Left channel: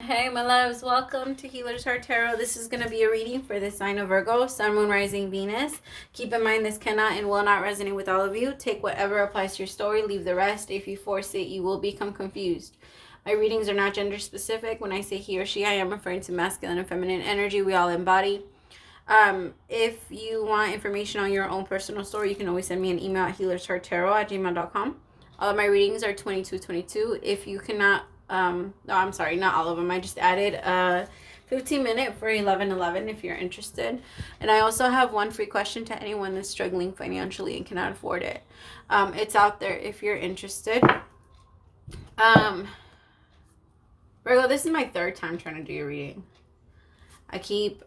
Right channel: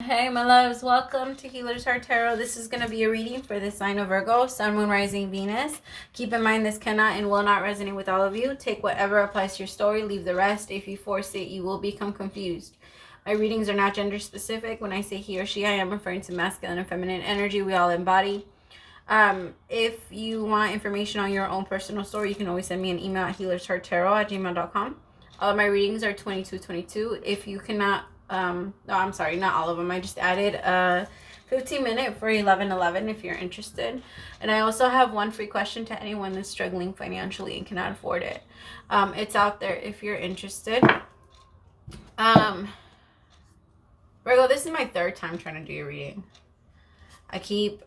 Hey my loves, welcome to Healers Heart Tarot. This is going to be a reading for the sign of Virgo, Sun, Moon, Rising, Venus. Keep in mind this cannot and will not resonate with all of you. Take whatever applies to your story, leave the rest. If you force it, you will become confused. My readings are not gender specific. When I say he or she, I am referring to masculine and feminine energy we all embody. If you want information on your own personal story, you can always send me an email at healershearttarot@gmail.com. All of my readings are 2222. If you cannot no, I'm sorry, not all of them. I just added a 15-minute for 11:11 if you're interested. And I also have one free question to anyone that's struggling financially and cannot afford it. It's out there if you're interested. Virgo, this is my third time trying to do your reading. I keep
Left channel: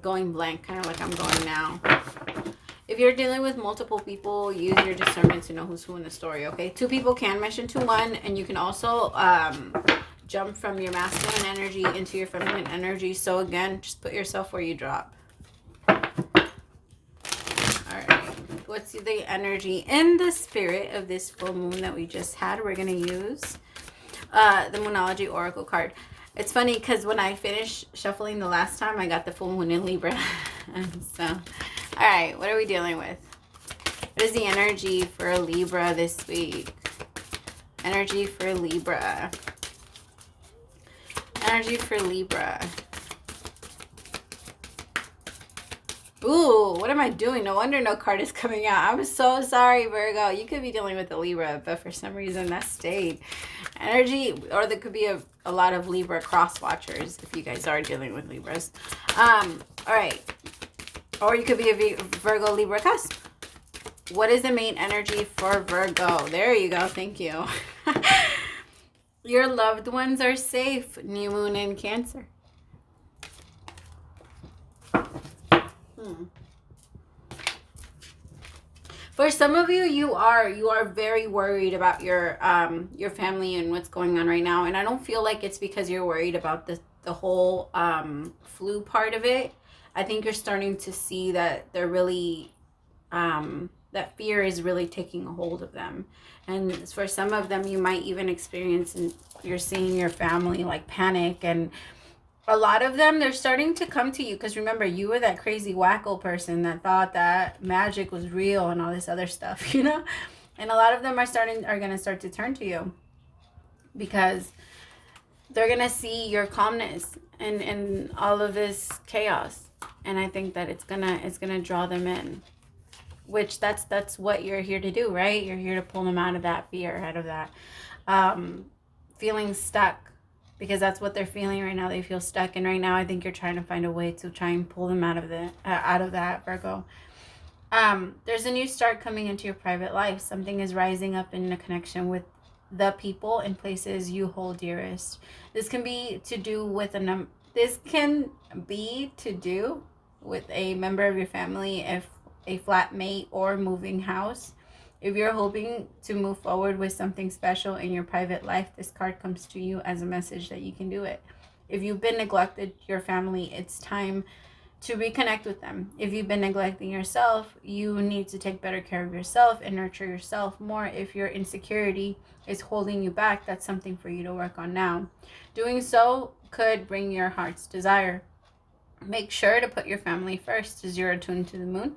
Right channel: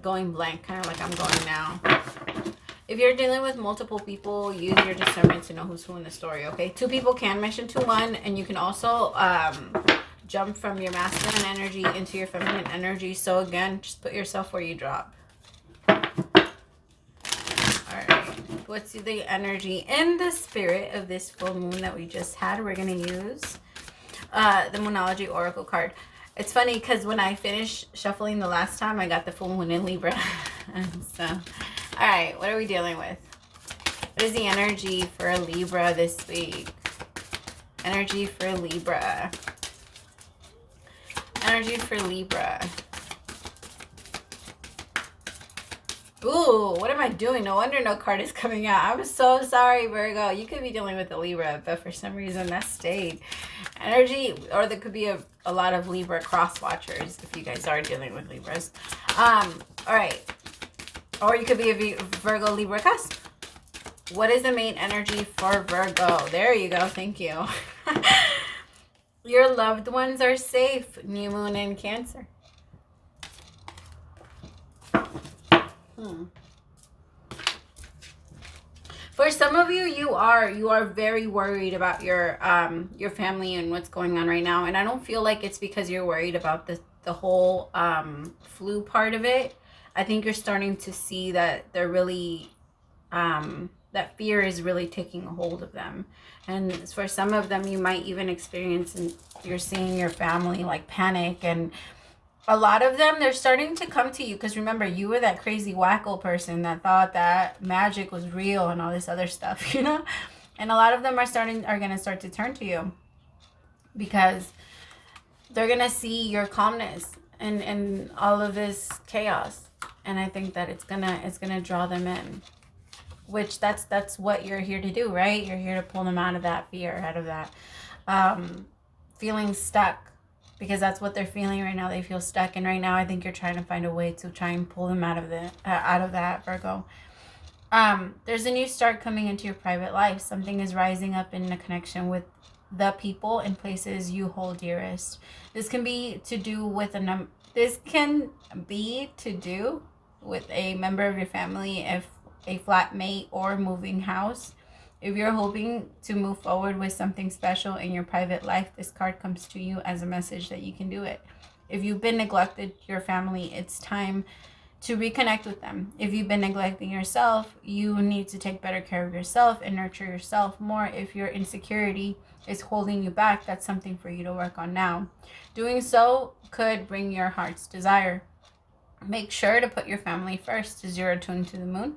going blank, kind of like I'm going now. If you're dealing with multiple people, use your discernment to know who's who in the story, okay? Two people can mesh into one, and you can also jump from your masculine energy into your feminine energy. So again, just put yourself where you drop. All right. What's the energy and the spirit of this full moon that we just had? We're going to use the Moonology Oracle card. It's funny because when I finished shuffling the last time, I got the full moon in Libra. So, all right, what are we dealing with? What is the energy for Libra this week? Energy for Libra. Energy for Libra. Ooh, what am I doing? No wonder no card is coming out. I'm so sorry, Virgo. You could be dealing with a Libra, but for some reason that stayed. Energy, or there could be a lot of Libra cross watchers if you guys are dealing with Libras. All right. Or you could be a Virgo Libra cusp. What is the main energy for Virgo? There you go. Thank you. Your loved ones are safe. New moon in Cancer. For some of you, you are very worried about your family and what's going on right now. And I don't feel like it's because you're worried about the whole flu part of it. I think you're starting to see that they're really that fear is really taking a hold of them. And for some of them, you might even experience, and you're seeing your family like panic, and a lot of them, they're starting to come to you because remember, you were that crazy wacko person that thought that magic was real and all this other stuff, you know? And a lot of them are going to start to turn to you because they're going to see your calmness and all of this chaos. And I think that it's going to draw them in, which that's what you're here to do, right? You're here to pull them out of that fear, out of that feeling stuck. Because that's what they're feeling right now. They feel stuck. And right now, I think you're trying to find a way to try and pull them out of that, Virgo. There's a new start coming into your private life. Something is rising up in a connection with the people and places you hold dearest. This can be to do with a member of your family, if a flatmate or moving house. If you're hoping to move forward with something special in your private life, this card comes to you as a message that you can do it. If you've been neglected, your family, it's time to reconnect with them. If you've been neglecting yourself, you need to take better care of yourself and nurture yourself more. If your insecurity is holding you back, that's something for you to work on now. Doing so could bring your heart's desire. Make sure to put your family first. 0 tuned to the moon.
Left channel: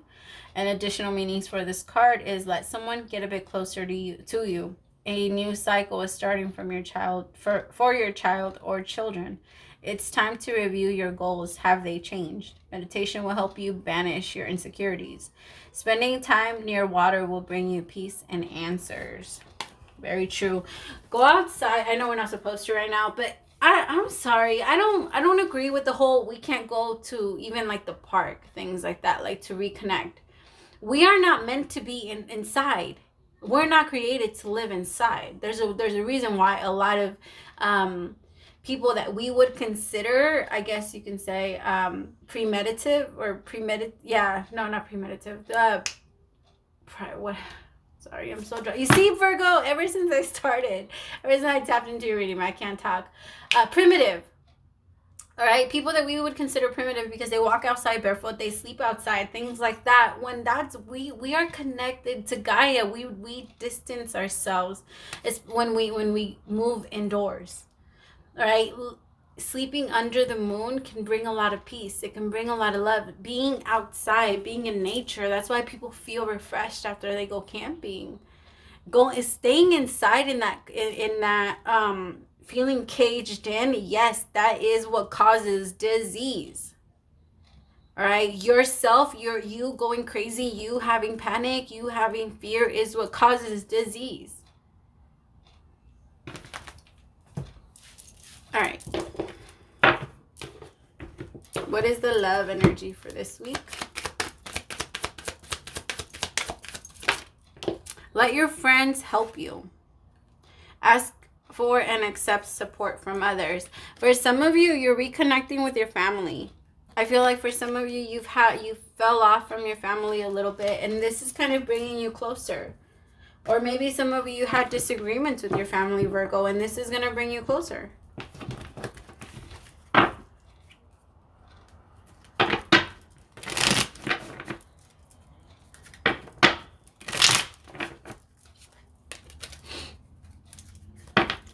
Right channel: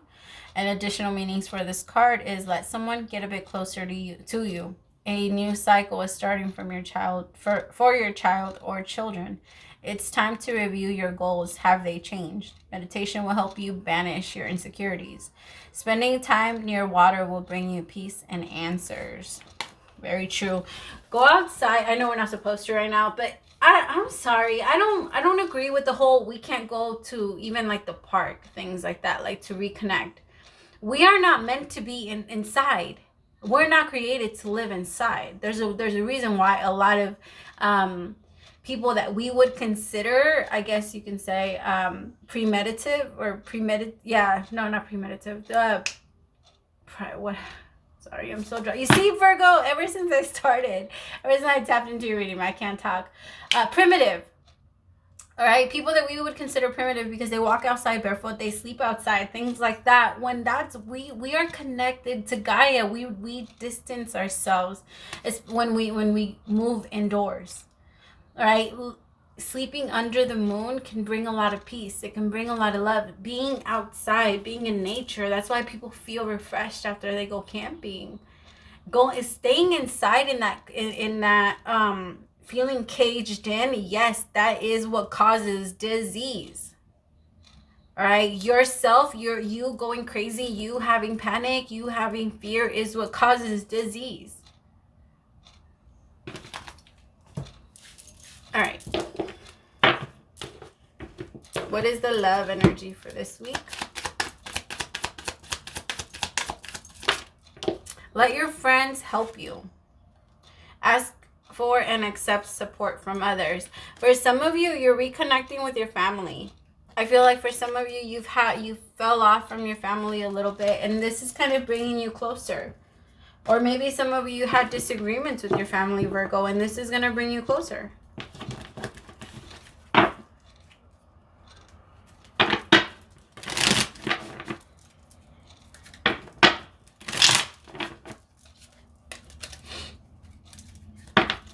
And additional meanings for this card is let someone get a bit closer to you. A new cycle is starting from your child for your child or children. It's time to review your goals. Have they changed? Meditation will help you banish your insecurities. Spending time near water will bring you peace and answers. Very true. Go outside. I know we're not supposed to right now, but I'm sorry. I don't agree with the whole we can't go to even like the park, things like that, like to reconnect. We are not meant to be inside. We're not created to live inside. There's a reason why a lot of people that we would consider, I guess you can say, premeditative or premeditative. Yeah, no, not premeditative. What? Sorry, I'm so dry. You see, Virgo, ever since I tapped into your reading, I can't talk. Primitive. All right, people that we would consider primitive because they walk outside barefoot, they sleep outside, things like that. When that's we are connected to Gaia. We distance ourselves. It's when we move indoors. All right. Sleeping under the moon can bring a lot of peace. It can bring a lot of love. Being outside, being in nature. That's why people feel refreshed after they go camping. Staying inside in that feeling caged in, yes, that is what causes disease. All right, you going crazy, you having panic, you having fear is what causes disease. All right. What is the love energy for this week? Let your friends help you. Ask for and accept support from others. For some of you, you're reconnecting with your family. I feel like for some of you, you fell off from your family a little bit, and this is kind of bringing you closer. Or maybe some of you had disagreements with your family, Virgo, and this is going to bring you closer.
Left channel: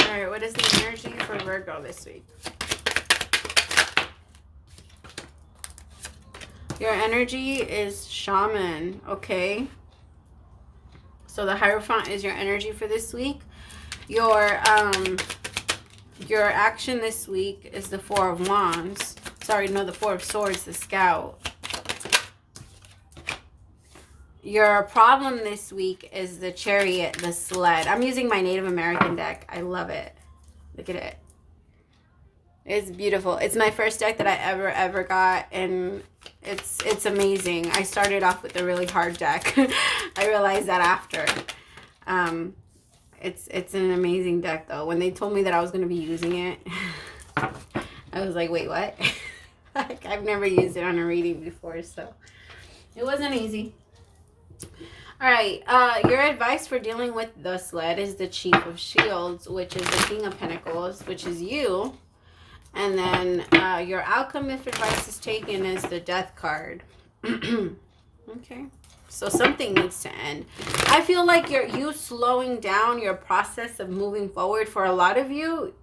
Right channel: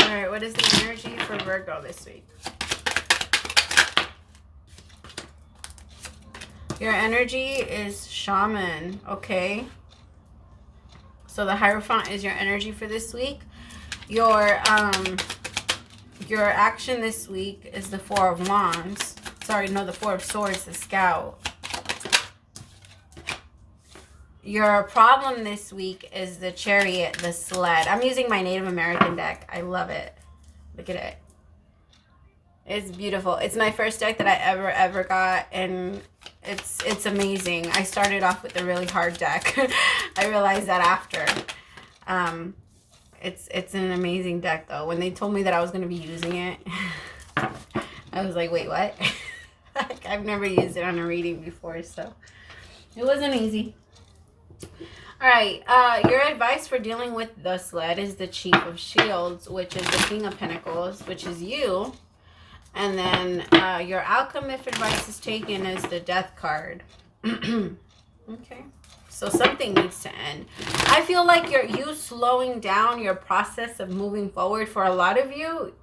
Alright, what is the energy for Virgo this week? Your energy is shaman, okay? So the Hierophant is your energy for this week. Your action this week is the Four of Wands. Sorry, no, the Four of Swords, the Scout. Your problem this week is the Chariot, the Sled. I'm using my Native American deck. I love it. Look at it. It's beautiful. It's my first deck that I ever got, and it's amazing. I started off with a really hard deck. I realized that after. It's an amazing deck though. When they told me that I was going to be using it, I was like, wait, what? Like, I've never used it on a reading before, so it wasn't easy. All right, your advice for dealing with the Sled is the Chief of Shields, which is the King of Pentacles, which is you. And then your outcome, if advice is taken, is the Death card. Okay, so something needs to end. I feel like you slowing down your process of moving forward. For a lot of you,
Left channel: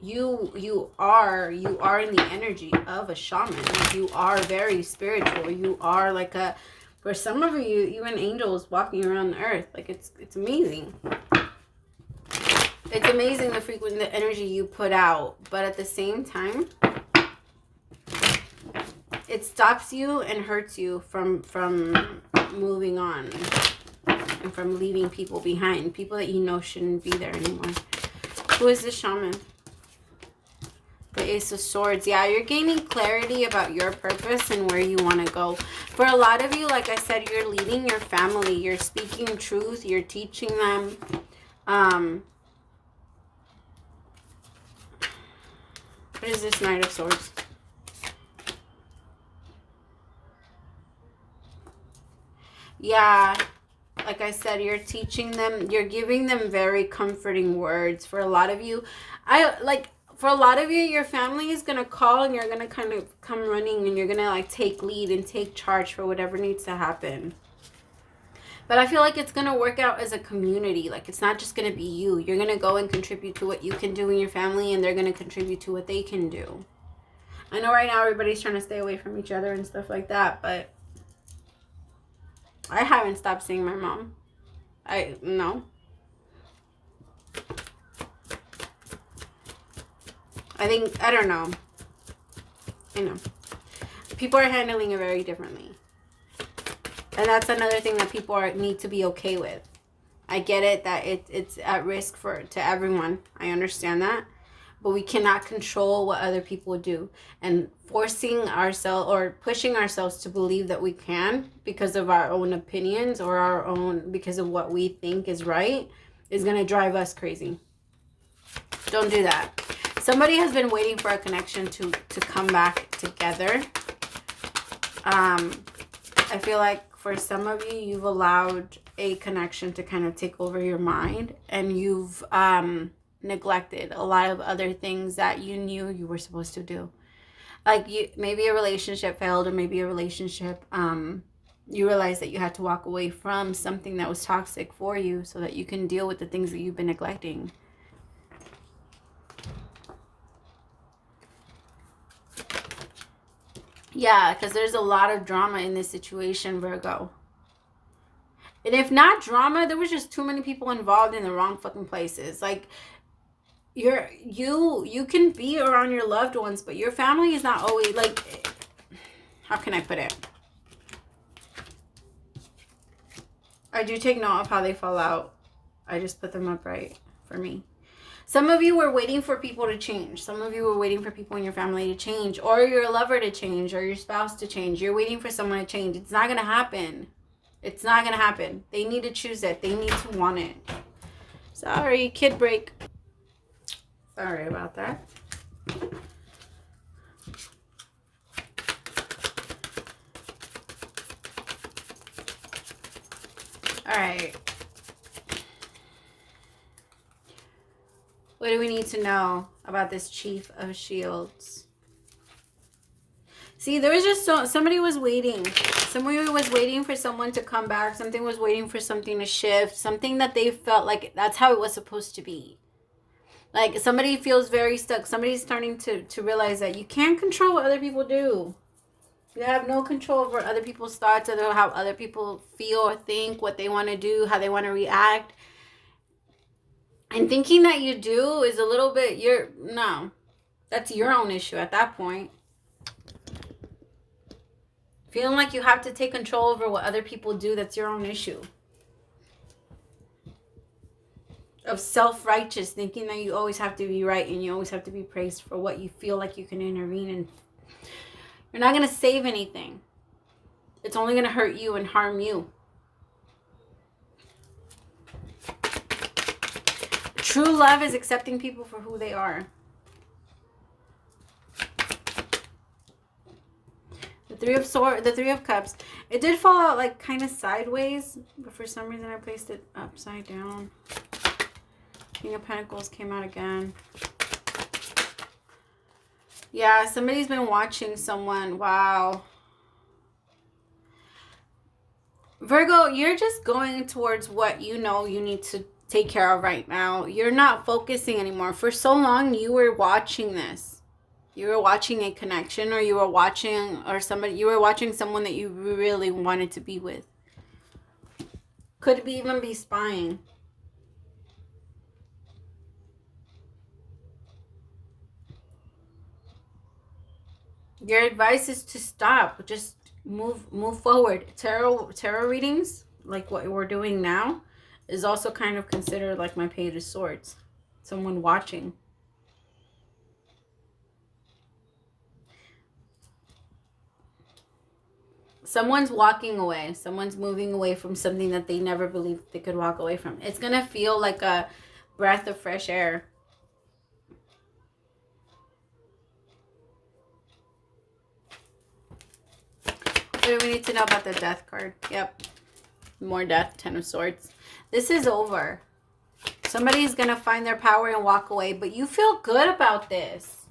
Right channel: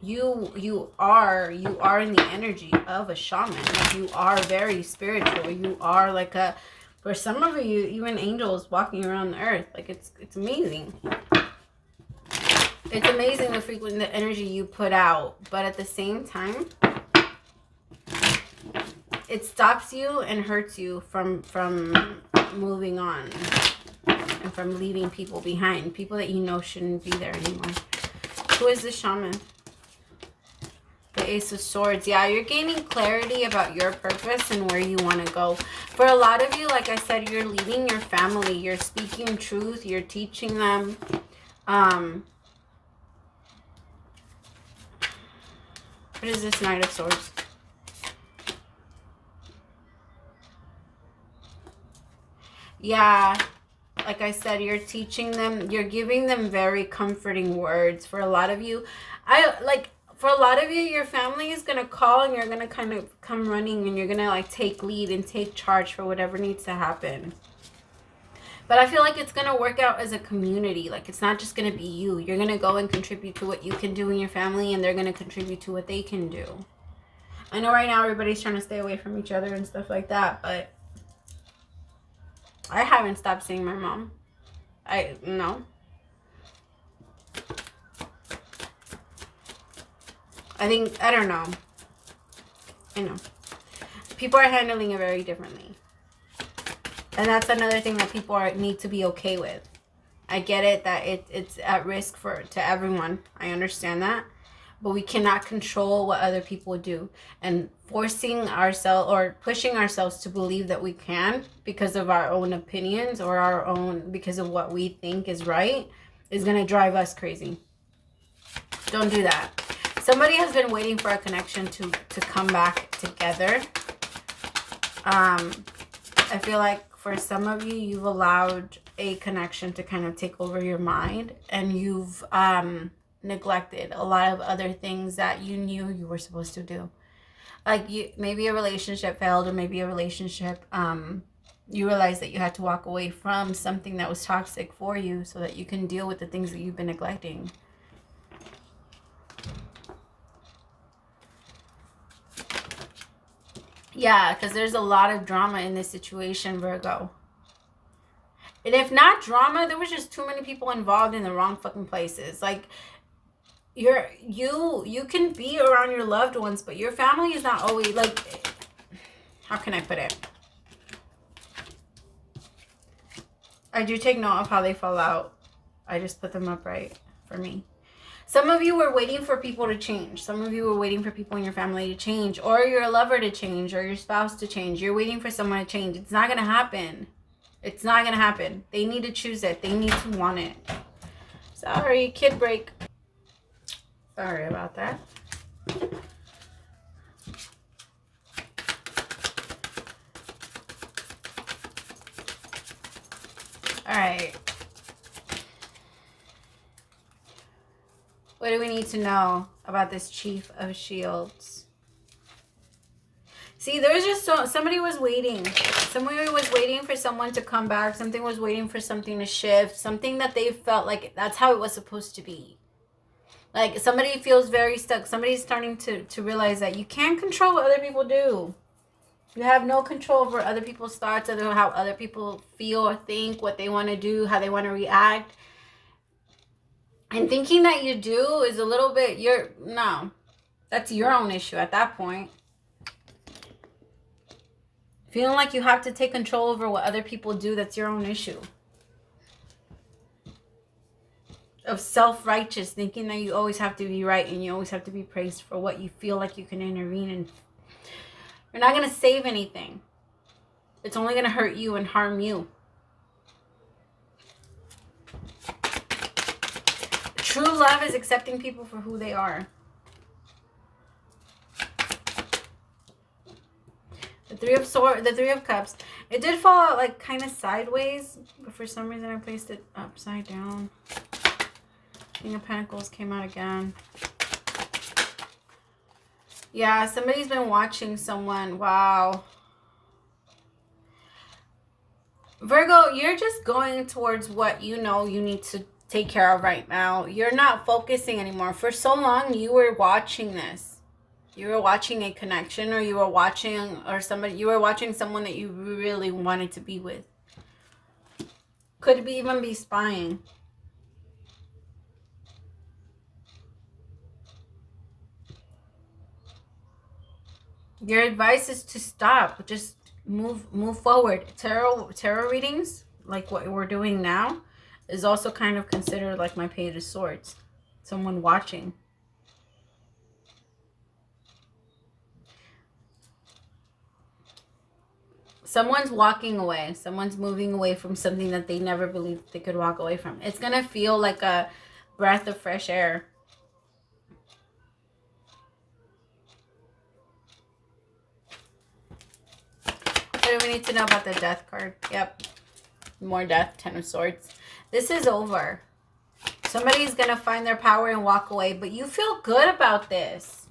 you are in the energy of a shaman. Like, you are very spiritual. You are like a, for some of you, even angels walking around the earth. Like, it's amazing. It's amazing the energy you put out, but at the same time, it stops you and hurts you from moving on and from leaving people behind, people that you know shouldn't be there anymore. Who is the shaman? The Ace of Swords. Yeah, you're gaining clarity about your purpose and where you want to go. For a lot of you, like I said, you're leading your family. You're speaking truth. You're teaching them. What is this Knight of Swords? Yeah, like I said, you're teaching them. You're giving them very comforting words. For a lot of you, for a lot of you, your family is going to call and you're going to kind of come running and you're going to like take lead and take charge for whatever needs to happen. But I feel like it's going to work out as a community. Like, it's not just going to be you. You're going to go and contribute to what you can do in your family, and they're going to contribute to what they can do. I know right now everybody's trying to stay away from each other and stuff like that, but I haven't stopped seeing my mom. No. I don't know. You know, people are handling it very differently. And that's another thing that people need to be okay with. I get it that it's at risk to everyone. I understand that. But we cannot control what other people do. And forcing ourselves or pushing ourselves to believe that we can because of our own opinions or because of what we think is right is going to drive us crazy. Don't do that. Somebody has been waiting for a connection to come back together. I feel like for some of you, you've allowed a connection to kind of take over your mind, and you've neglected a lot of other things that you knew you were supposed to do. Like, maybe a relationship failed, or maybe a relationship, you realized that you had to walk away from something that was toxic for you so that you can deal with the things that you've been neglecting. Yeah, because there's a lot of drama in this situation, Virgo. And if not drama, there was just too many people involved in the wrong fucking places. Like, you can be around your loved ones, but your family is not always, like, how can I put it? I do take note of how they fall out. I just put them up right for me. Some of you were waiting for people to change. Some of you were waiting for people in your family to change, or your lover to change, or your spouse to change. You're waiting for someone to change. It's not going to happen. It's not going to happen. They need to choose it. They need to want it. Sorry, kid break. Sorry about that. All right. What do we need to know about this Chief of Shields? See, there was just somebody was waiting. Somebody was waiting for someone to come back. Something was waiting for something to shift. Something that they felt like that's how it was supposed to be. Like, somebody feels very stuck. Somebody's starting to realize that you can't control what other people do. You have no control over other people's thoughts, or how other people feel or think, what they want to do, how they want to react. And thinking that you do is a little bit, no. That's your own issue at that point. Feeling like you have to take control over what other people do, that's your own issue. Of self-righteous, thinking that you always have to be right and you always have to be praised for what you feel like you can intervene in. You're not going to save anything. It's only going to hurt you and harm you. True love is accepting people for who they are. The Three of Cups. It did fall out like kind of sideways, but for some reason I placed it upside down. King of Pentacles came out again. Yeah, somebody's been watching someone. Wow. Virgo, you're just going towards what you know you need to take care of right now. You're not focusing anymore. For so long, you were watching this. You were watching a connection, or you were watching, you were watching someone that you really wanted to be with. Could even be spying. Your advice is to stop. Just move forward. Tarot readings, like what we're doing now, is also kind of considered like my Page of Swords. Someone watching. Someone's walking away. Someone's moving away from something that they never believed they could walk away from. It's going to feel like a breath of fresh air. What do we need to know about the Death card? Yep. More death. 10 of Swords. This is over. Somebody's going to find their power and walk away. But you feel good about this.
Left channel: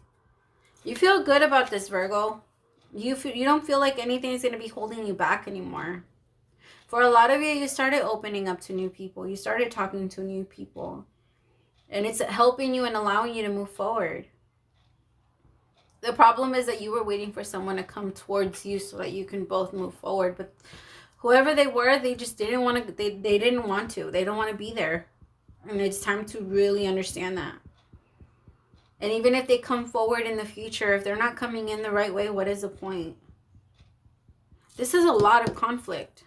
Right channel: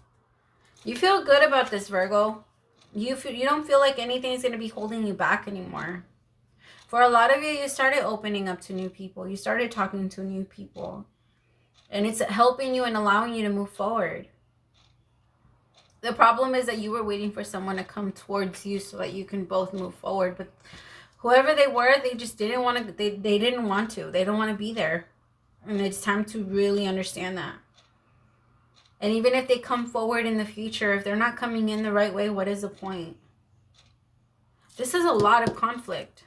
You feel good about this, Virgo. You don't feel like anything is going to be holding you back anymore. For a lot of you, you started opening up to new people. You started talking to new people. And it's helping you and allowing you to move forward. The problem is that you were waiting for someone to come towards you so that you can both move forward. But whoever they were, they just didn't want to. They didn't want to. They don't want to be there. And it's time to really understand that. And even if they come forward in the future, if they're not coming in the right way, what is the point? This is a lot of conflict.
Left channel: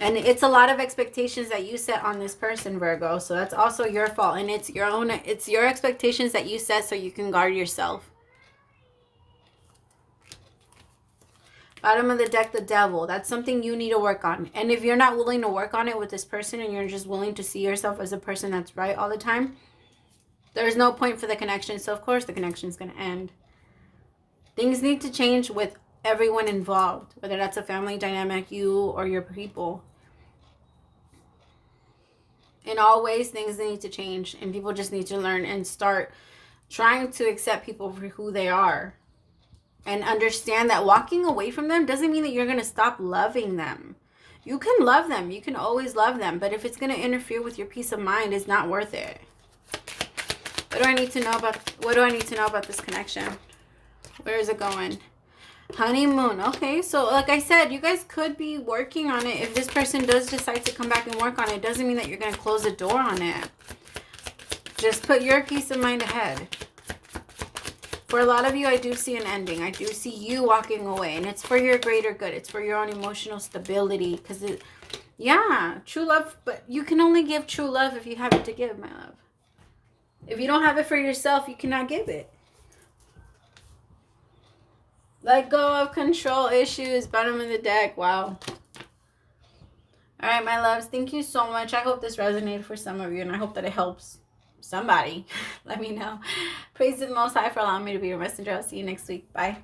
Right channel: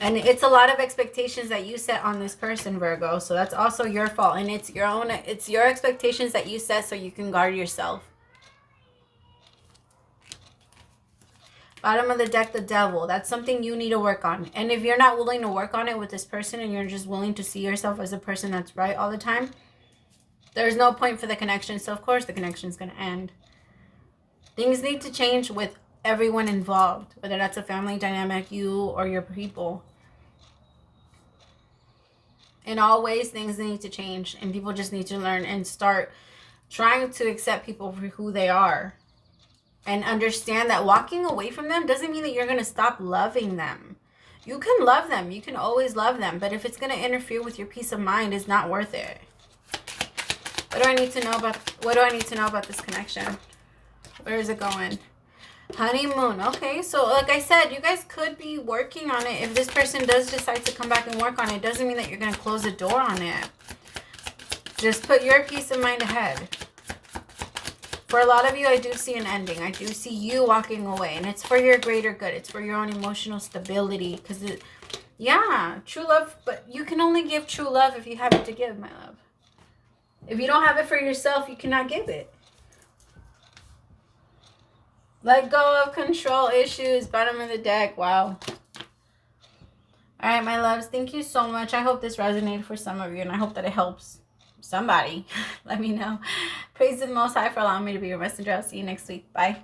And it's a lot of expectations that you set on this person, Virgo. So that's also your fault. And it's your expectations that you set so you can guard yourself. Bottom of the deck, the Devil. That's something you need to work on. And if you're not willing to work on it with this person and you're just willing to see yourself as a person that's right all the time, there's no point for the connection. So, of course, the connection is going to end. Things need to change with everyone involved, whether that's a family dynamic, you or your people. In all ways, things need to change, and people just need to learn and start trying to accept people for who they are, and understand that walking away from them doesn't mean that you're going to stop loving them. You can love them. You can always love them, but if it's going to interfere with your peace of mind, it's not worth it. What do I need to know about this connection? Where is it going? Honeymoon. Okay, so like I said, you guys could be working on it. If this person does decide to come back and work on it, doesn't mean that you're going to close the door on it. Just put your peace of mind ahead. For a lot of you, I do see an ending. I do see you walking away. And it's for your greater good. It's for your own emotional stability. Because, yeah, true love. But you can only give true love if you have it to give, my love. If you don't have it for yourself, you cannot give it. Let go of control issues. Bottom of the deck. Wow. All right, my loves. Thank you so much. I hope this resonated for some of you. And I hope that it helps somebody. Let me know. Praise the Most High for allowing me to be your messenger. I'll see you next week. Bye.